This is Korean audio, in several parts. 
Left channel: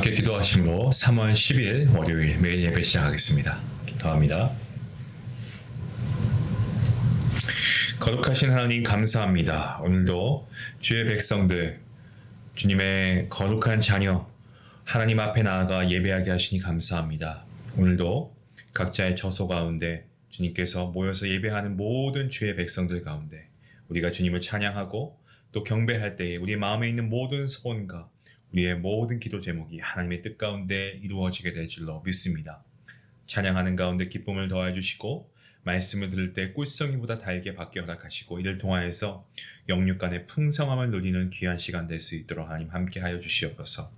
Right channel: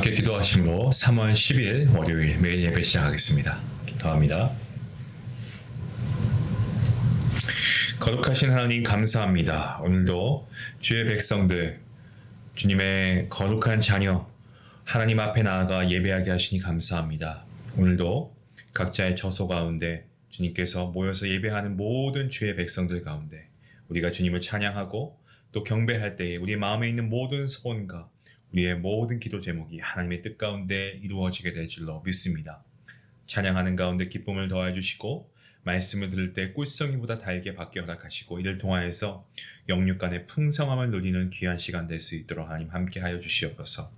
함께 기도하심으로 3월 10일 월요일 매일 예배 시작하겠습니다. 기도합니다. 거룩하신 하나님 감사합니다. 오늘도 주의 백성들, 주님의 거룩한 자녀 하나님 앞에 나아가 예배하게 하시니 감사합니다. 오늘도 각자의 처소 가운데 주님께서 모여서 예배하는 모든 주의 백성들 가운데 우리가 주님을 찬양하고 또 경배할 때에 우리 마음에 있는 모든 소원과 우리의 모든 기도 제목이 하나님의 뜻 가운데 이루어지게 될 줄로 믿습니다. 찬양하는 가운데 기쁨을 더해 주시고 말씀을 들을 때 꿀성이보다 달게 받게 허락하시고 이를 통하여서 영육 간의 풍성함을 누리는 귀한 시간 될 수 있도록 하나님 함께 하여 주시옵소서.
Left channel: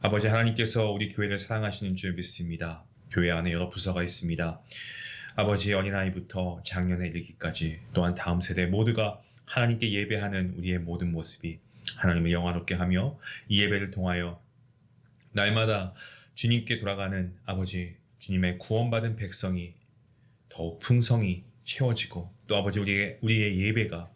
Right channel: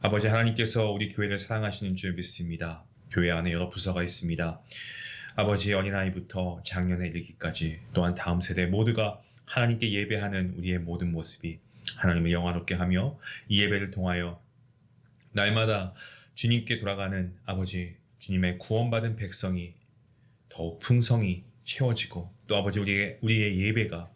아버지 하나님께서 우리 교회를 사랑하시는 줄 믿습니다. 교회 안에 여러 부서가 있습니다. 아버지 어린아이부터 장년에 이르기까지 또한 다음 세대 모두가 하나님께 예배하는 우리의 모든 모습이 하나님을 영화롭게 하며 이 예배를 통하여 날마다 주님께 돌아가는 아버지 주님의 구원받은 백성이 더욱 풍성히 채워지고 또 아버지 우리의 예배가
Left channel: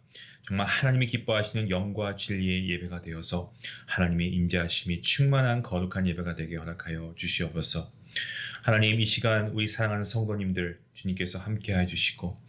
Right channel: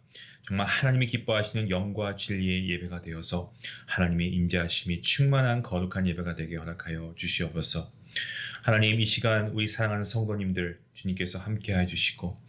정말 하나님이 기뻐하시는 영과 진리의 예배가 되어서 하나님의 임재하심이 충만한 거룩한 예배가 되게 허락하여 주시옵소서. 하나님 이 시간 우리 사랑하는 성도님들 주님께서 함께해 주시고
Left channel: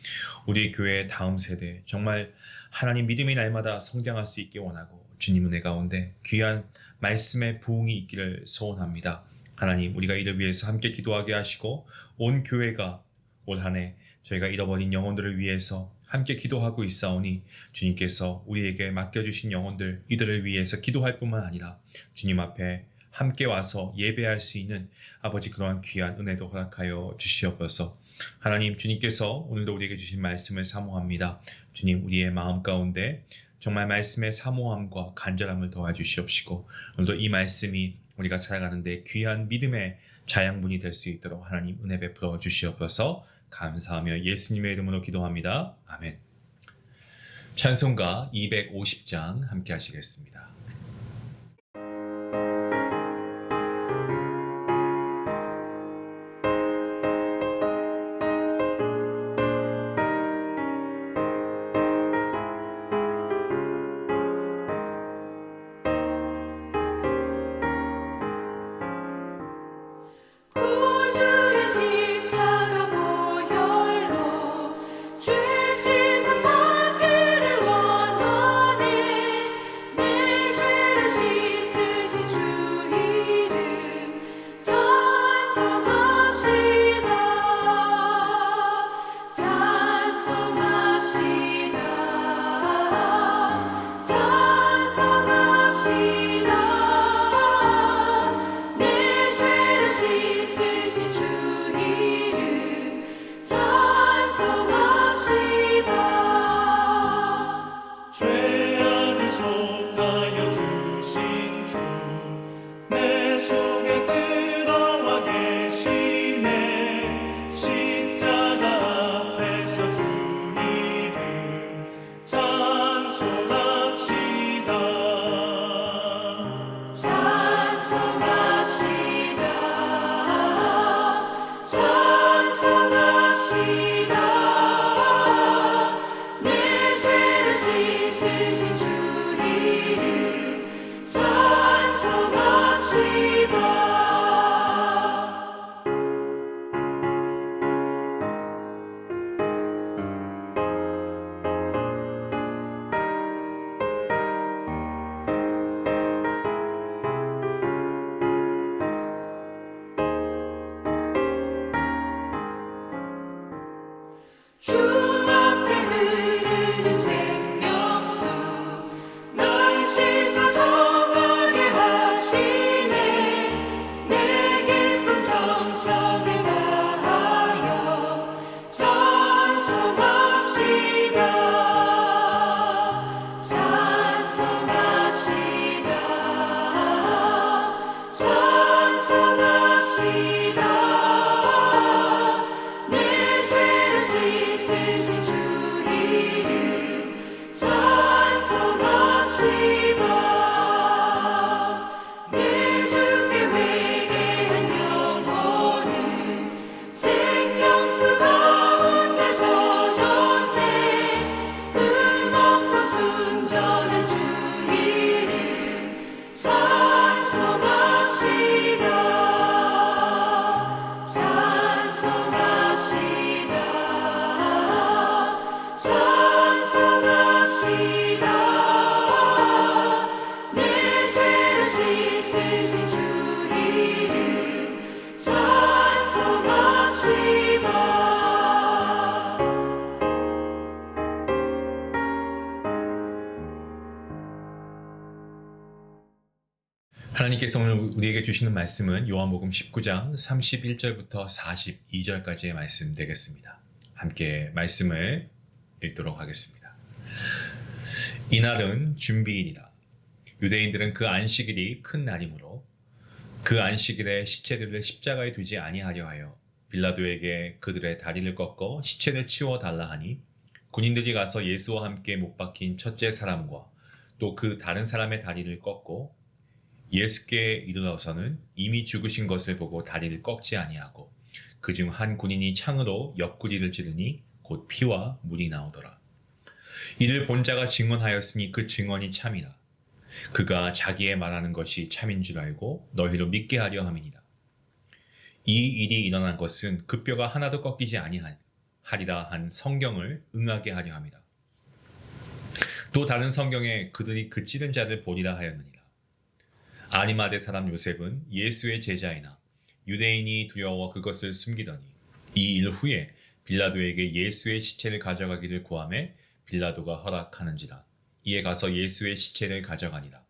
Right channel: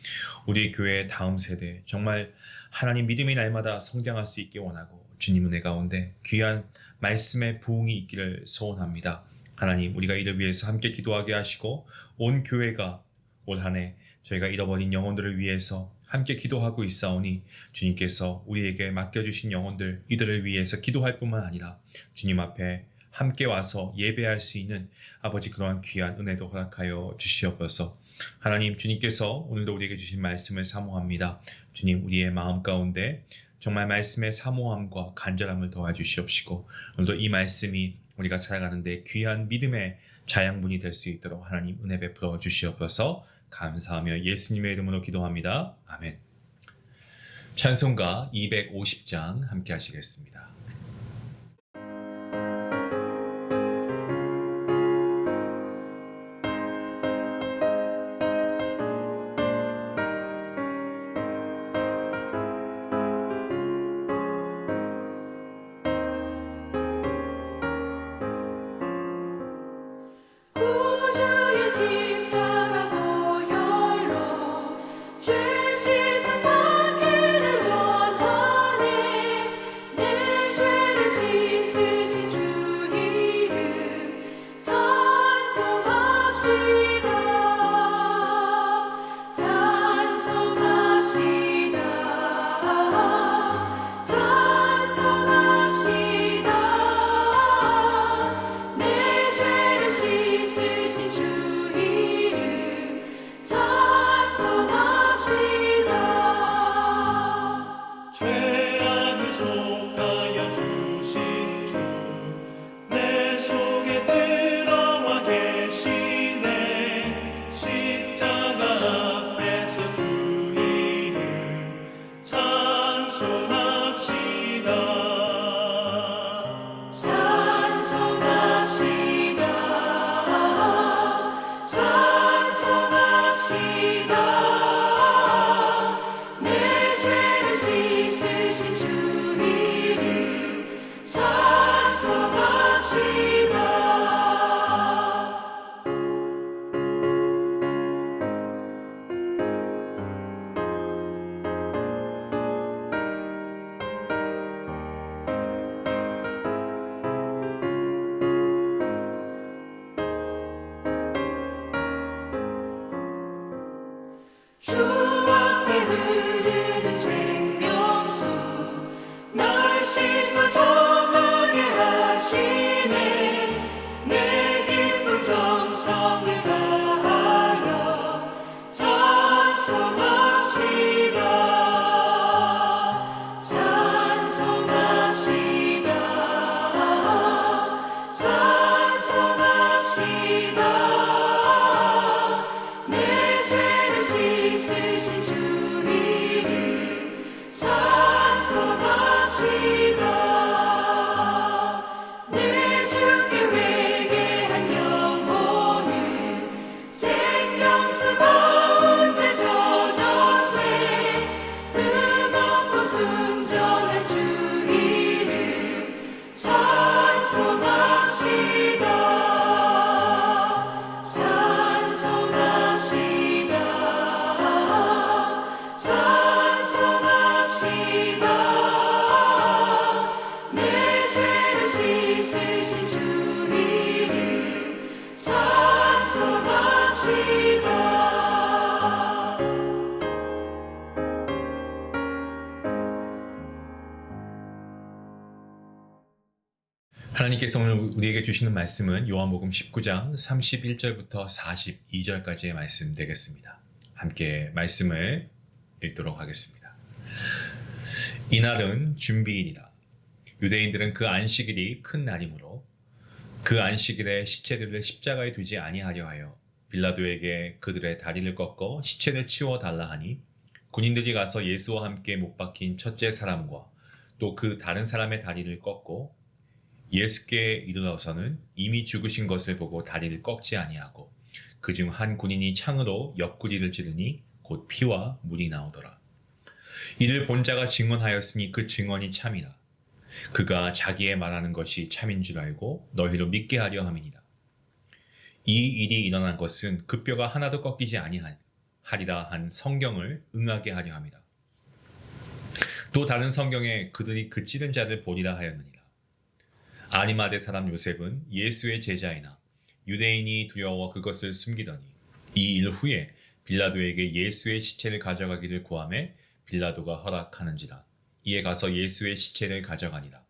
우리 교회의 다음 세대 정말 하나님 믿음의 날마다 성장할 수 있게 원하고 주님 은혜 가운데 귀한 말씀의 부흥이 있기를 소원합니다. 하나님 우리가 이를 위해서 함께 기도하게 하시고 온 교회가 올 한 해 저희가 잃어버린 영혼들을 위해서 함께 기도하고 있사오니 주님께서 우리에게 맡겨주신 영혼들 이들을 위해서 기도할 뿐만 아니라 주님 앞에 함께 와서 예배할 수 있는 아버지 그러한 귀한 은혜도 허락하여 주시옵소서. 하나님 주님께서 오늘도 우리에게 주신 말씀을 사모합니다. 주님 우리의 마음 가운데 정말 말씀의 사모함과 간절함을 도와주시옵시고 오늘도 이 말씀이 우리가 살아가는데 귀한 믿음의 자양분이 될 수 있도록 하나님 은혜 베풀어 주시옵소서. 감사하며 예수님의 이름으로 기도합니다. 아멘. 찬송가 250장 함께 하시겠습니다. 구주의 십자가 보혈로 죄 씻음 받기를 원하네. 내 하나님께서 오늘 우리에게 주시는 말씀은 요한복음 19장 31절부터 42절까지의 말씀 되겠습니다. 함께 말씀을 읽도록 하겠습니다. 이날은 준비일이라. 유대인들은 그 안식일이 큰 날이므로 그 안식일에 시체들을 십자가에 두지 아니하려 하여 빌라도에게 그들의 다리를 꺾어 시체를 치워 달라 하니, 군인들이 가서 예수와 함께 못 박힌 첫째 사람과 또 그 다른 사람의 다리를 꺾고 예수께 이르러서는 이미 죽으신 것을 보고 다리를 꺾지 아니하고, 그중 한 군인이 창으로 옆구리를 찌르니 곧 피와 물이 나오더라. 이를 본 자가 증언하였으니 그 증언이 참이라. 그가 자기의 말하는 것이 참인 줄 알고 너희로 믿게 하려 함이니라. 이 일이 일어난 것은 그 뼈가 하나도 꺾이지 아니하리라 한 성경을 응하게 하려 함이라. 또 다른 성경에 그들이 그 찌른 자를 보리라 하였느니라. 아리마대 사람 요셉은 예수의 제자이나 유대인이 두려워 그것을 숨기더니 이 일 후에 빌라도에게 예수의 시체를 가져가기를 구하매 빌라도가 허락하는지라. 이에 가서 예수의 시체를 가져가니라.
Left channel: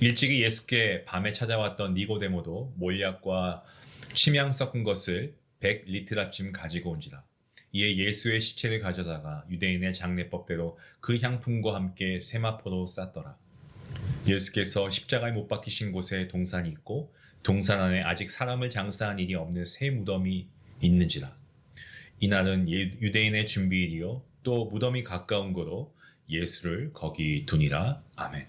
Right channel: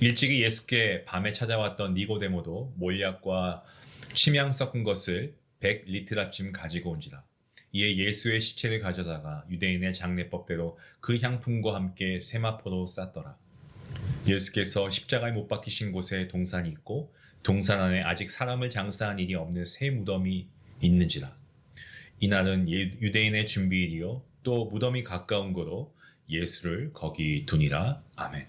일찍이 예수께 밤에 찾아왔던 니고데모도 몰약과 침향 섞은 것을 100리트라쯤 가지고 온지라. 이에 예수의 시체를 가져다가 유대인의 장례법대로 그 향품과 함께 세마포로 쌌더라. 예수께서 십자가에 못 박히신 곳에 동산이 있고 동산 안에 아직 사람을 장사한 일이 없는 새 무덤이 있는지라. 이날은 유대인의 준비일이요 또 무덤이 가까운 거로 예수를 거기 두니라. 아멘.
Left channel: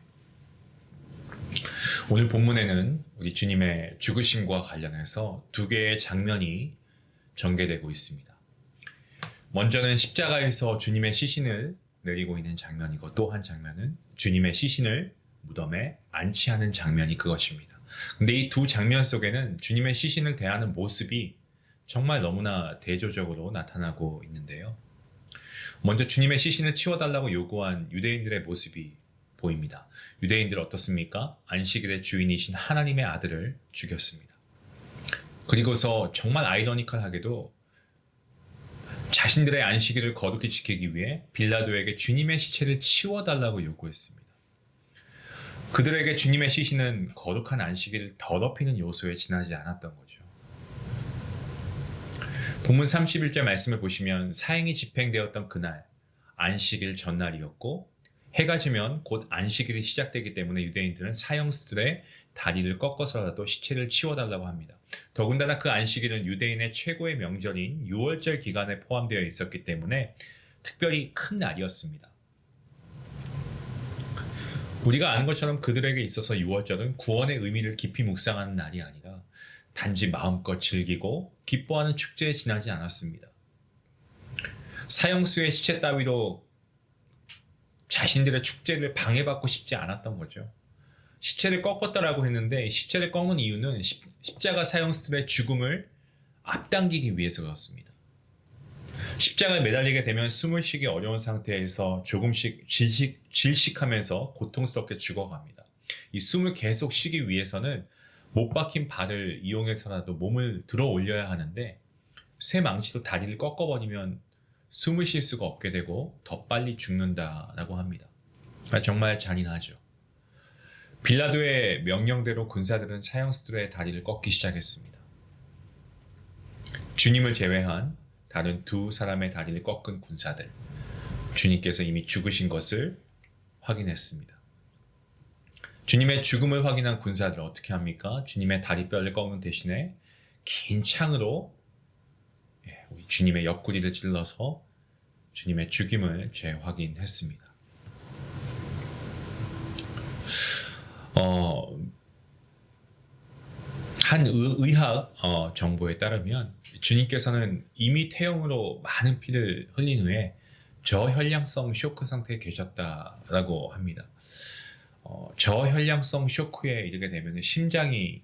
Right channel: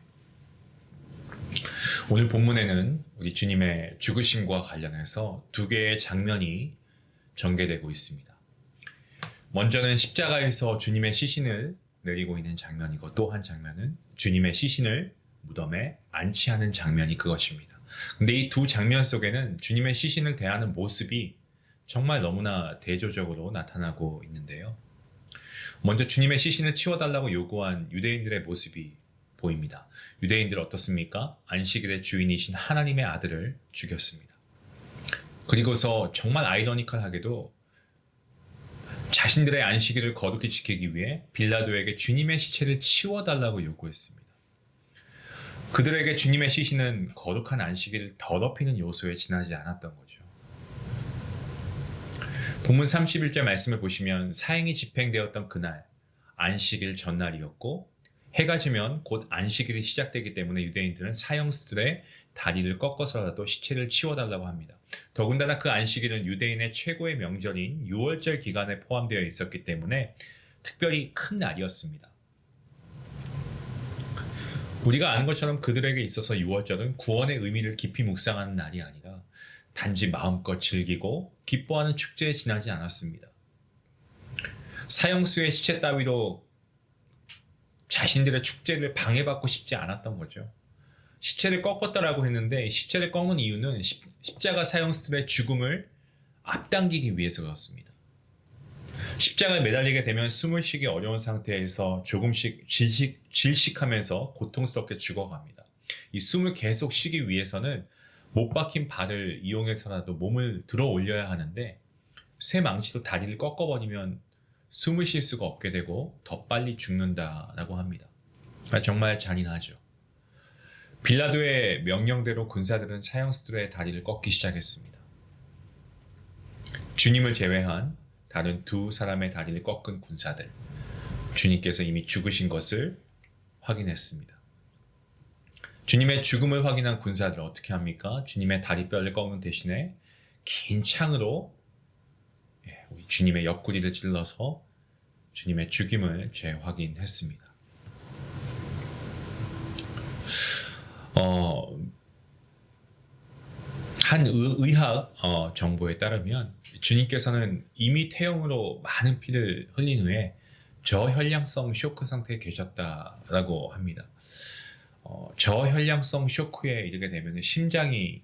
오늘 본문에는 우리 주님의 죽으심과 관련해서 두 개의 장면이 전개되고 있습니다. 먼저는 십자가에서 주님의 시신을 내리고 있는 장면이고, 또 한 장면은 주님의 시신을 무덤에 안치하는 장면이 그것입니다. 근데 이 두 장면 속에는 주님의 시신을 대하는 모습이 정말 너무나 대조적으로 나타나고 있는데요. 먼저 주님의 시신을 치워달라고 요구한 유대인들의 모습이 보입니다. 유대인들 어떻습니까? 안식일의 주인이신 하나님의 아들을 죽였습니다. 그리고서 정말 아이러니컬하게도 자신들의 안식일을 거룩히 지키기 위해 빌라도에게 주님의 시체를 치워달라고 요구했습니다. 그들에게 주님의 시신은 거룩한 안식일을 더럽히는 요소에 지나지 않았던 거죠. 본문 31절 말씀을 보시면 사행이 집행되었던 그날 안식일 전날이었고, 해가 지면 곧 안식일이 시작되기 때문에 유대인들은 사형수들의 다리를 꺾어서라도 시체를 치워달라고 합니다. 더군다나 그 안식일은 유대인의 최고의 명절인 유월절 기간에 포함되어 있었기 때문에 특별히 큰 날이었습니다. 우리가 아는 것처럼 그들에게 있어서 유월절은 구원의 의미를 깊이 묵상하는 날이 아니라 단지 마음껏 즐기고 기뻐하는 축제에 지나지 않았습니다. 사형수의 시체 따위로 자신들의 축제를 방해받고 싶지 않았던 거죠. 시체를 꺾었다라고 했는데 시체를 꺾는 이유는 십자가 사형수들의 죽음을 앞당기기 위해서 그렇습니다. 십자가에 매달리게 되면 숨을 쉬기 어려운 상태에서 조금씩 질식하면서 고통스럽게 죽어갑니다. 이 숨을 계속 쉬기 위해서는 못 박힌 발을 이용해서라도 몸을 들어 올려야 하는데, 쇠 망치로 다리를 꺾어버리면 숨을 쉴 수가 없게 되고 더 빨리 죽는다라고 합니다. 정말 잔인하죠. 빌라도의 명령대로 군사들은 사형수들의 다리를 꺾기 시작했습니다. 주님을 제외한 다른 두 사람의 다리를 꺾은 군사들, 주님께서 이미 죽으신 것을 확인했습니다. 주님의 죽음을 확인한 군사들 어떻게 합니까? 주님의 다리뼈를 꺾는 대신에 긴 창으로 우리 주님의 옆구리를 찔러서 주님의 죽임을 재확인했습니다. 한 의학 정보에 따르면 주님께서는 이미 태형으로 많은 피를 흘린 후에 저혈량성 쇼크 상태에 계셨다라고 합니다. 저혈량성 쇼크에 이르게 되면 심장이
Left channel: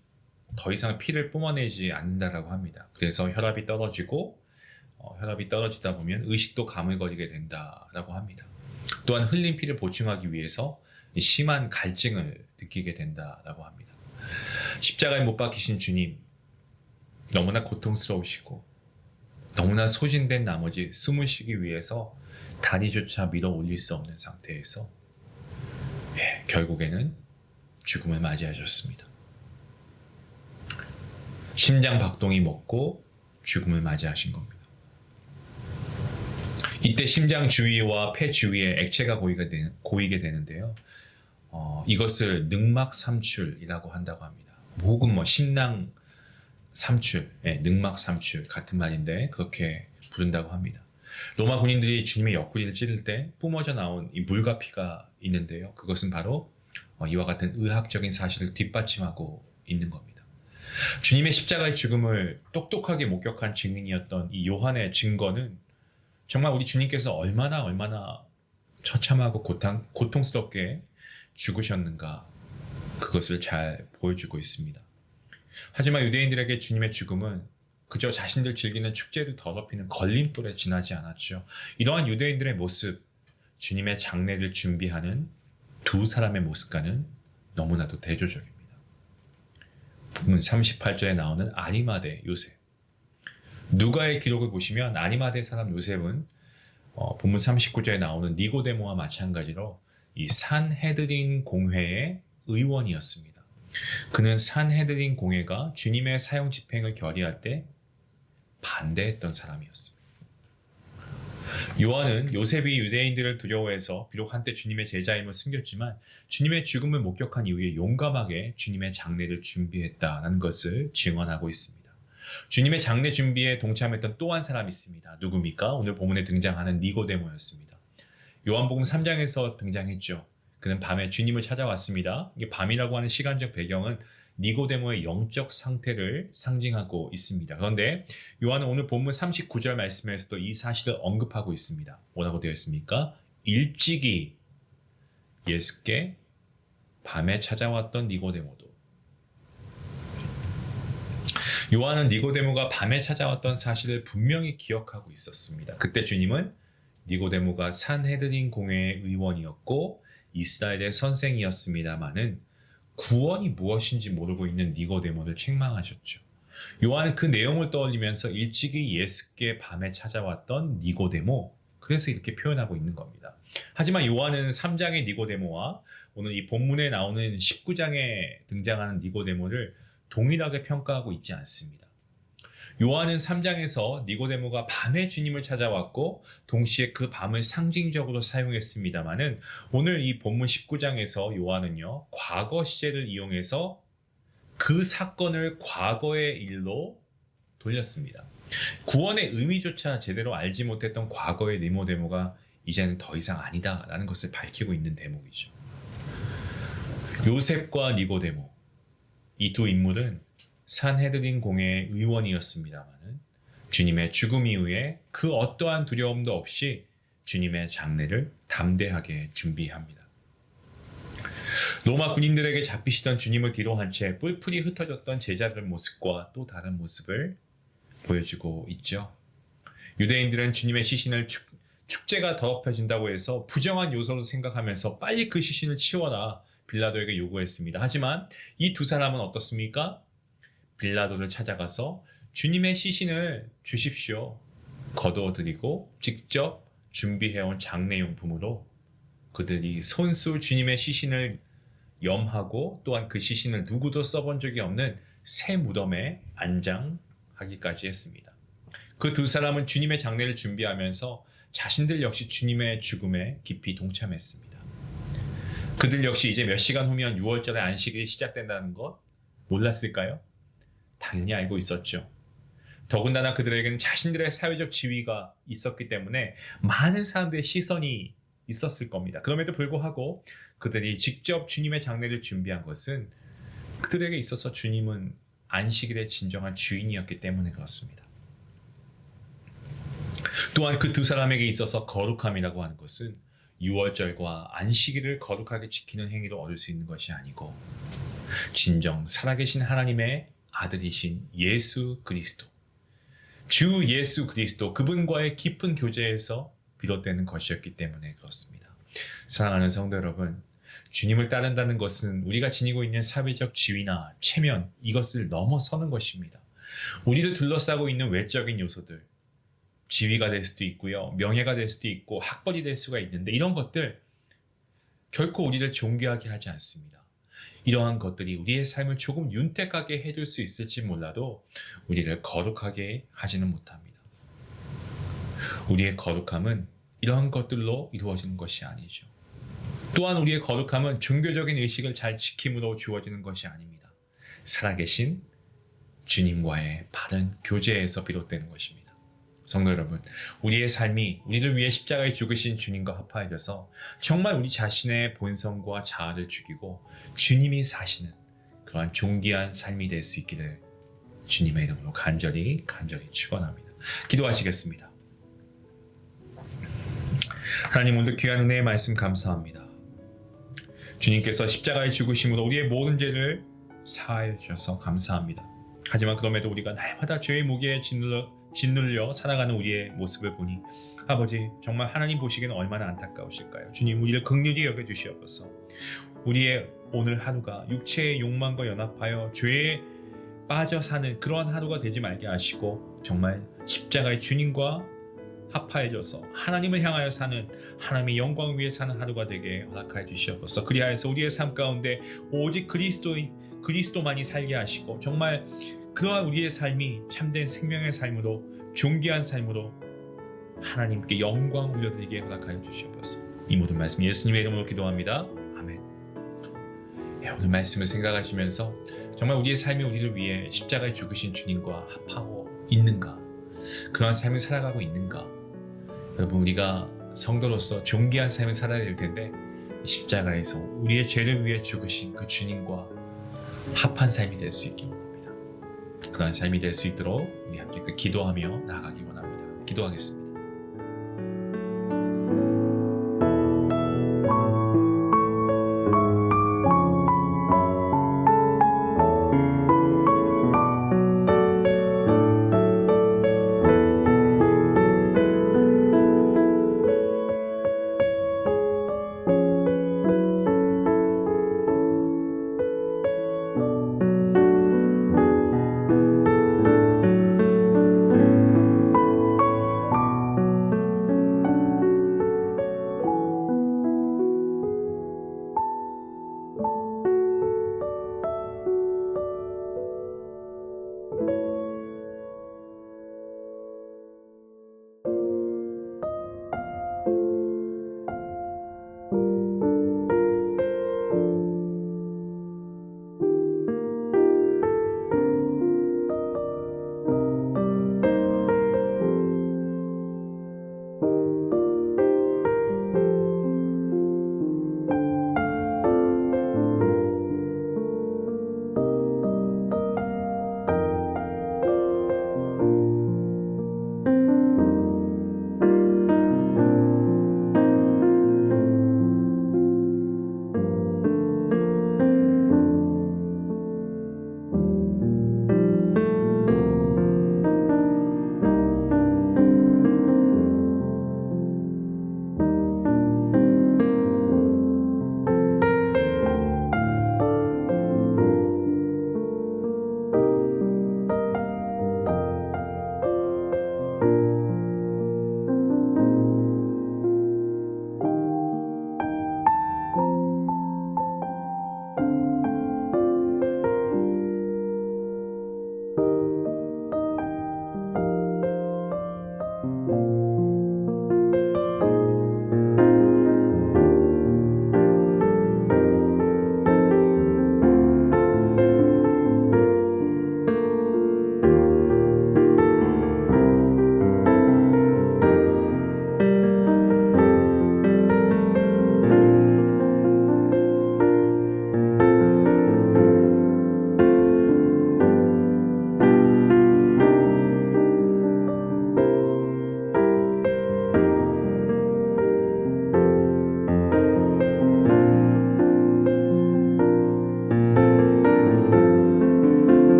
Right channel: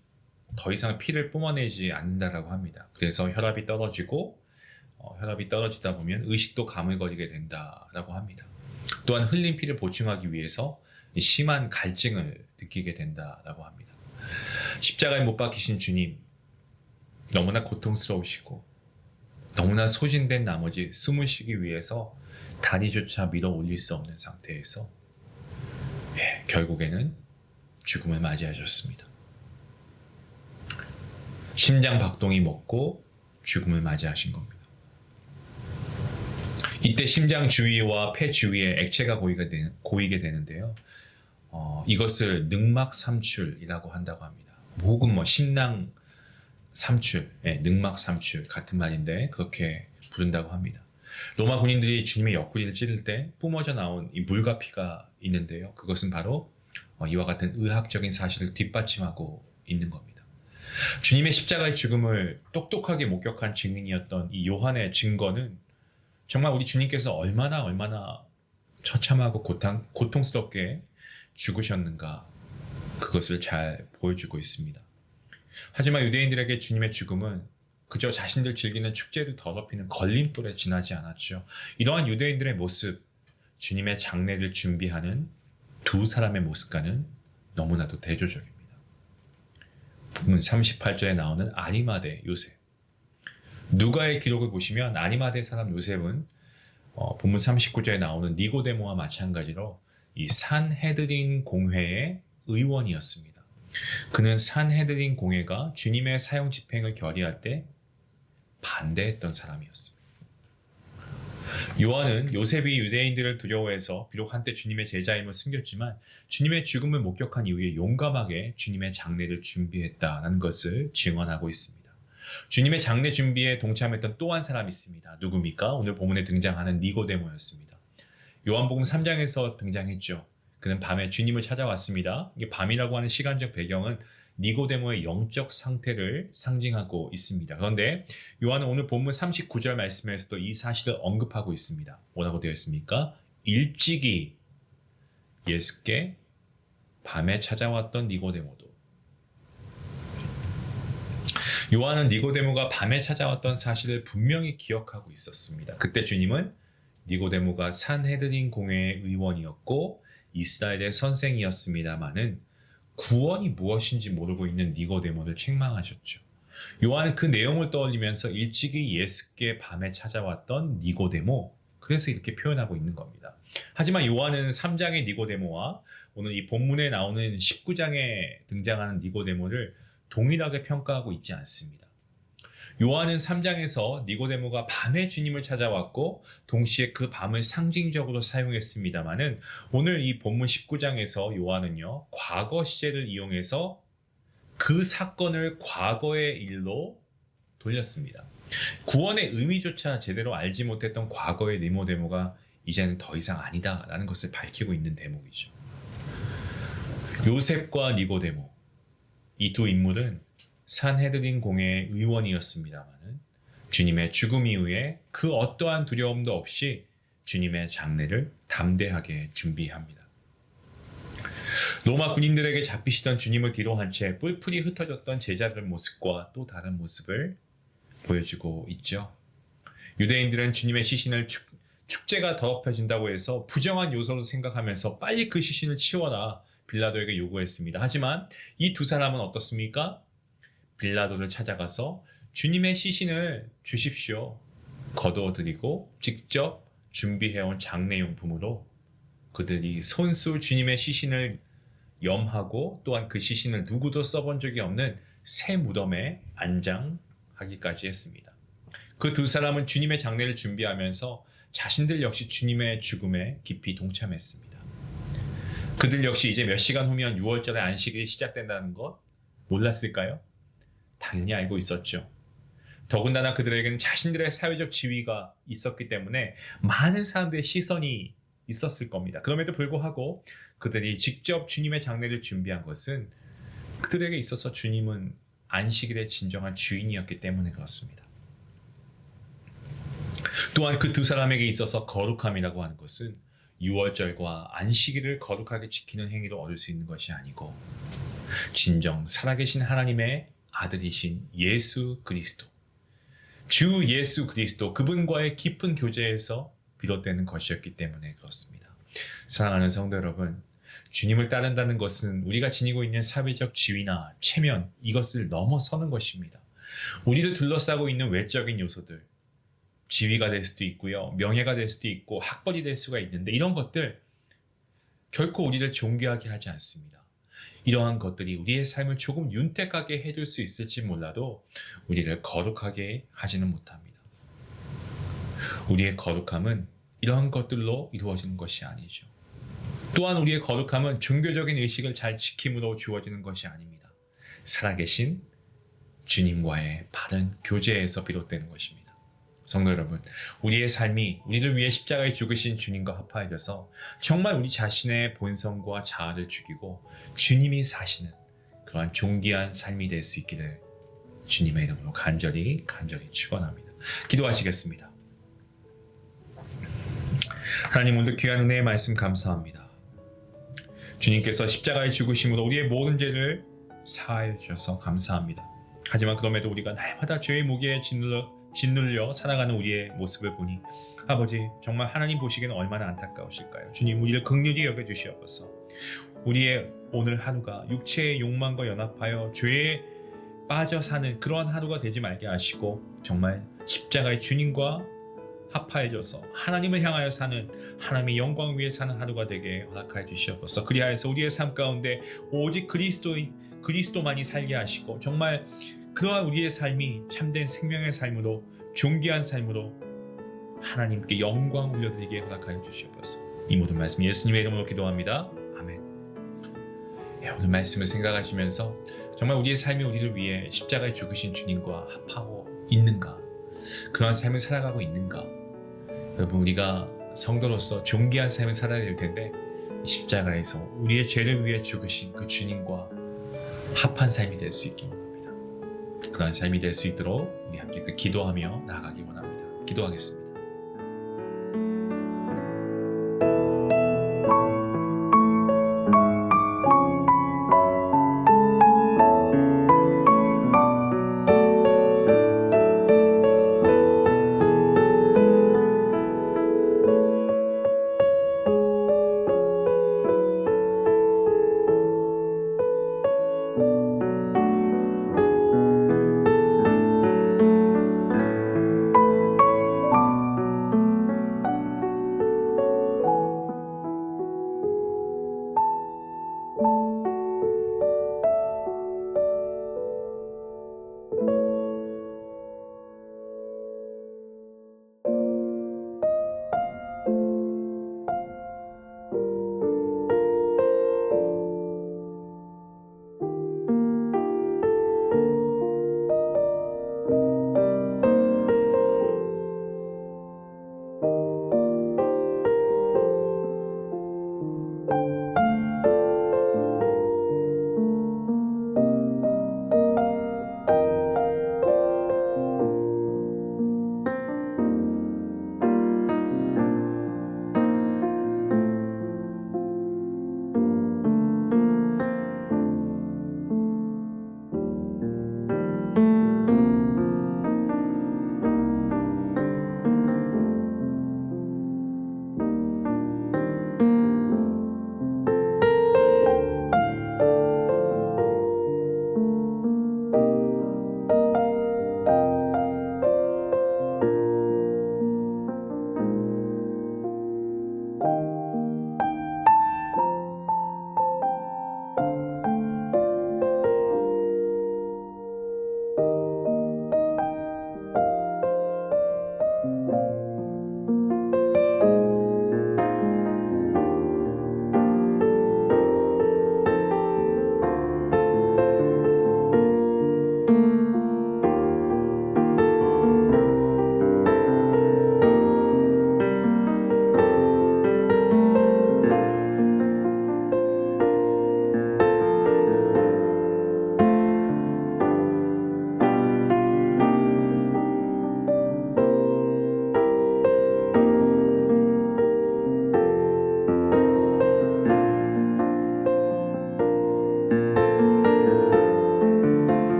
더 이상 피를 뿜어내지 않는다라고 합니다. 그래서 혈압이 떨어지고 혈압이 떨어지다 보면 의식도 가물거리게 된다라고 합니다. 또한 흘린 피를 보충하기 위해서 심한 갈증을 느끼게 된다라고 합니다. 십자가에 못 박히신 주님, 너무나 고통스러우시고 너무나 소진된 나머지 숨을 쉬기 위해서 다리조차 밀어 올릴 수 없는 상태에서 결국에는 죽음을 맞이하셨습니다. 심장 박동이 멎고 죽음을 맞이하신 겁니다. 이때 심장 주위와 폐 주위에 액체가 고이게 되는데요. 이것을 늑막삼출이라고 한다고 합니다. 혹은 심낭 삼출, 늑막 삼출 같은 말인데 그렇게 부른다고 합니다. 로마 군인들이 주님의 옆구리를 찌를 때 뿜어져 나온 이 물과 피가 있는데요. 그것은 바로 이와 같은 의학적인 사실을 뒷받침하고 있는 겁니다. 주님의 십자가의 죽음을 똑똑하게 목격한 증인이었던 이 요한의 증거는 정말 우리 주님께서 얼마나 처참하고 고통스럽게 죽으셨는가 그것을 잘 보여주고 있습니다. 하지만 유대인들에게 주님의 죽음은 그저 자신들 즐기는 축제를 더럽히는 걸림돌에 지나지 않았죠. 이러한 유대인들의 모습, 주님의 장례를 준비하는 두 사람의 모습과는 너무나도 대조적입니다. 본문 38절에 나오는 아리마대 요셉. 누가의 기록을 보시면 아리마대 사람 요셉은 본문 39절에 나오는 니고데모와 마찬가지로 이 산헤드린 공회의 의원이었습니다. 그는 산헤드린 공회가 주님의 사형 집행을 결의할 때 반대했던 사람이었습니다. 요한은 요셉이 유대인들을 두려워해서 비록 한때 주님의 제자임을 숨겼지만 주님의 죽음을 목격한 이후에 용감하게 주님의 장례를 준비했다는 것을 증언하고 있습니다. 주님의 장례 준비에 동참했던 또 한 사람이 있습니다. 누굽니까? 오늘 본문에 등장하는 니고데모였습니다. 요한복음 3장에서 등장했죠. 그는 밤에 주님을 찾아왔습니다. 이게 밤이라고 하는 시간적 배경은 니고데모의 영적 상태를 상징하고 있습니다. 그런데 요한은 오늘 본문 39절 말씀에서도 이 사실을 언급하고 있습니다. 뭐라고 되어 있습니까? 일찍이 예수께 밤에 찾아왔던 니고데모도. 요한은 니고데모가 밤에 찾아왔던 사실을 분명히 기억하고 있었습니다. 그때 주님은 니고데모가 산헤드린 공회의 의원이었고 이스라엘의 선생이었습니다마는 구원이 무엇인지 모르고 있는 니고데모를 책망하셨죠. 요한은 그 내용을 떠올리면서 일찍이 예수께 밤에 찾아왔던 니고데모, 그래서 이렇게 표현하고 있는 겁니다. 하지만 요한은 3장의 니고데모와 오늘 이 본문에 나오는 19장에 등장하는 니고데모를 동일하게 평가하고 있지 않습니다. 요한은 3장에서 니고데모가 밤에 주님을 찾아왔고 동시에 그 밤을 상징적으로 사용했습니다마는 오늘 이 본문 19장에서 요한은요 과거 시제를 이용해서 그 사건을 과거의 일로 돌렸습니다. 구원의 의미조차 제대로 알지 못했던 과거의 니고데모가 이제는 더 이상 아니다라는 것을 밝히고 있는 대목이죠. 요셉과 니고데모, 이 두 인물은 산헤드린 공회의 의원이었습니다마는 주님의 죽음 이후에 그 어떠한 두려움도 없이 주님의 장례를 담대하게 준비합니다. 로마 군인들에게 잡히시던 주님을 뒤로 한 채 뿔풀이 흩어졌던 제자들의 모습과 또 다른 모습을 보여주고 있죠. 유대인들은 주님의 시신을 축제가 더럽혀진다고 해서 부정한 요소로 생각하면서 빨리 그 시신을 치워라 빌라도에게 요구했습니다. 하지만 이 두 사람은 어떻습니까? 빌라도를 찾아가서 주님의 시신을 주십시오. 거두어드리고 직접 준비해온 장례용품으로 그들이 손수 주님의 시신을 염하고 또한 그 시신을 누구도 써본 적이 없는 새 무덤에 안장하기까지 했습니다. 그 두 사람은 주님의 장례를 준비하면서 자신들 역시 주님의 죽음에 깊이 동참했습니다. 그들 역시 이제 몇 시간 후면 6월절의 안식일이 시작된다는 것 몰랐을까요? 당연히 알고 있었죠. 더군다나 그들에게는 자신들의 사회적 지위가 있었기 때문에 많은 사람들의 시선이 있었을 겁니다. 그럼에도 불구하고 그들이 직접 주님의 장례를 준비한 것은 그들에게 있어서 주님은 안식일의 진정한 주인이었기 때문에 그렇습니다. 또한 그 두 사람에게 있어서 거룩함이라고 하는 것은 6월절과 안식일을 거룩하게 지키는 행위로 얻을 수 있는 것이 아니고 진정 살아계신 하나님의 아들이신 예수 그리스도, 주 예수 그리스도 그분과의 깊은 교제에서 비롯되는 것이었기 때문에 그렇습니다. 사랑하는 성도 여러분, 주님을 따른다는 것은 우리가 지니고 있는 사회적 지위나 체면 이것을 넘어서는 것입니다. 우리를 둘러싸고 있는 외적인 요소들, 지위가 될 수도 있고요, 명예가 될 수도 있고 학벌이 될 수가 있는데 이런 것들 결코 우리를 존귀하게 하지 않습니다. 이러한 것들이 우리의 삶을 조금 윤택하게 해줄 수 있을지 몰라도 우리를 거룩하게 하지는 못합니다. 우리의 거룩함은 이러한 것들로 이루어지는 것이 아니죠. 또한 우리의 거룩함은 종교적인 의식을 잘 지킴으로 주어지는 것이 아닙니다. 살아계신 주님과의 바른 교제에서 비롯되는 것입니다. 성도 여러분, 우리의 삶이 우리를 위해 십자가에 죽으신 주님과 합하여져서 정말 우리 자신의 본성과 자아를 죽이고 주님이 사시는 그러한 존귀한 삶이 될 수 있기를 주님의 이름으로 간절히 축원합니다. 기도하시겠습니다. 하나님, 오늘 귀한 은혜의 말씀 감사합니다. 주님께서 십자가에 죽으심으로 우리의 모든 죄를 사하여 주셔서 감사합니다. 하지만 그럼에도 우리가 날마다 죄의 무게에 짓눌려 살아가는 우리의 모습을 보니 아버지, 정말 하나님 보시기에는 얼마나 안타까우실까요? 주님, 우리를 긍휼히 여겨주시옵소서. 우리의 오늘 하루가 육체의 욕망과 연합하여 죄에 빠져 사는 그러한 하루가 되지 말게 하시고 정말 십자가의 주님과 합하여져서 하나님을 향하여 사는, 하나님의 영광을 위해 사는 하루가 되게 허락하여 주시옵소서. 그리하여서 우리의 삶 가운데 오직 그리스도만이 살게 하시고 정말 그러한 우리의 삶이 참된 생명의 삶으로, 존귀한 삶으로 하나님께 영광 올려드리게 허락하여 주시옵소서. 이 모든 말씀 예수님의 이름으로 기도합니다. 아멘. 오늘 말씀을 생각하시면서 정말 우리의 삶이 우리를 위해 십자가에 죽으신 주님과 합하고 있는가, 그러한 삶을 살아가고 있는가. 여러분, 우리가 성도로서 존귀한 삶을 살아야 될 텐데 십자가에서 우리의 죄를 위해 죽으신 그 주님과 합한 삶이 될 수 있기 원합니다. 그러한 삶이 될 수 있도록 우리 함께 기도하며 나아가기 원합니다. 기도하겠습니다.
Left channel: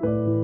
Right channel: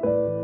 주님